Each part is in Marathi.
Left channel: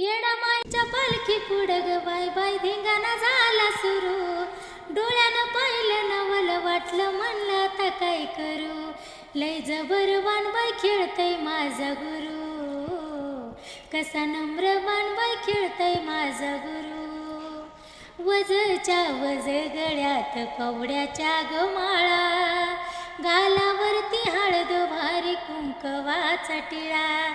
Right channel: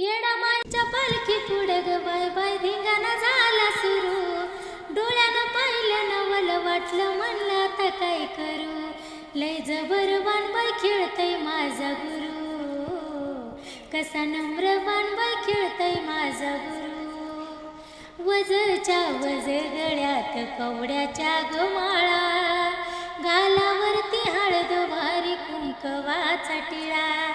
येडामाईच्या पालखी पुढं ग बाय बाय धिंगाणा झाला सुरू. डोळ्यानं पाहिलं नवल वाटलं म्हणलं आता काय करू. लय जबर बाई खेळतय माझा गुरु. कसा नम्र बाई खेळतय माझा गुरु. वजच्या वज गळ्यात कवड्याच्या गमाळा. गालावरती हळद भारी कुंकवाचा टिळा.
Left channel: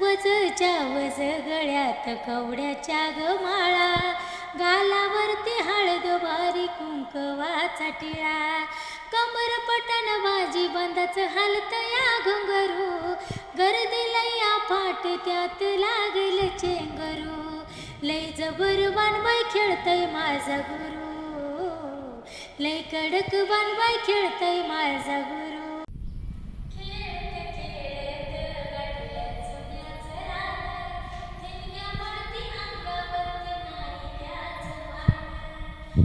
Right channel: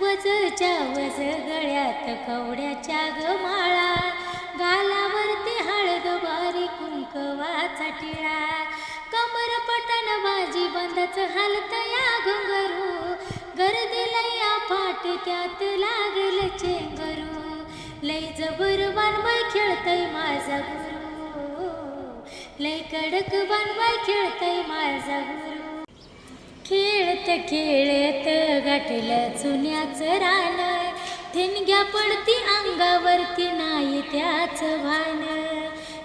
वजच्या वज गळ्यात कवड्याच्या गमाळा. गालावरती हळद भारी कुंकवाचा टिळा. कमर पटन बाजी बंदाच हालत या घुंगरू. गर्दीला या फाट त्यात लागल चेंगरू. लय जबर बाई खेळतय माझा गुरु. लय कडक बाई खेळतय माझा गुरु. खेळत खेळत गाठलं चुन्याचं रान. ठिणग्या पडती अंगावरती नाही त्याच भान.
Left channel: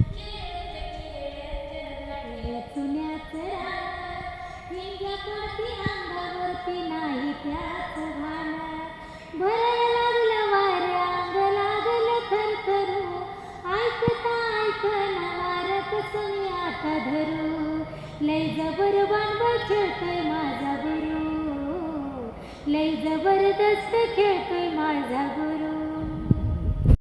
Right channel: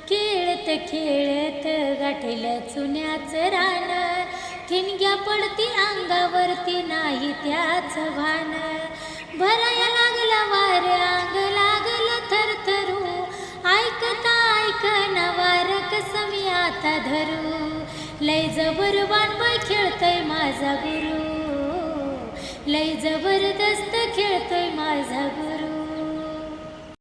खेळत खेळत गाठलं चुन्याचं रान. ठिणग्या पडती अंगावरती नाही त्याच भान. भराया लागला वार अंग लागलं थरथरू. ऐकता ऐकना वार कसं मी आता धरू. लय जबर बाई खेळतय माझा गुरु. लय जबरदस्त खेळतोय माझा गुरु.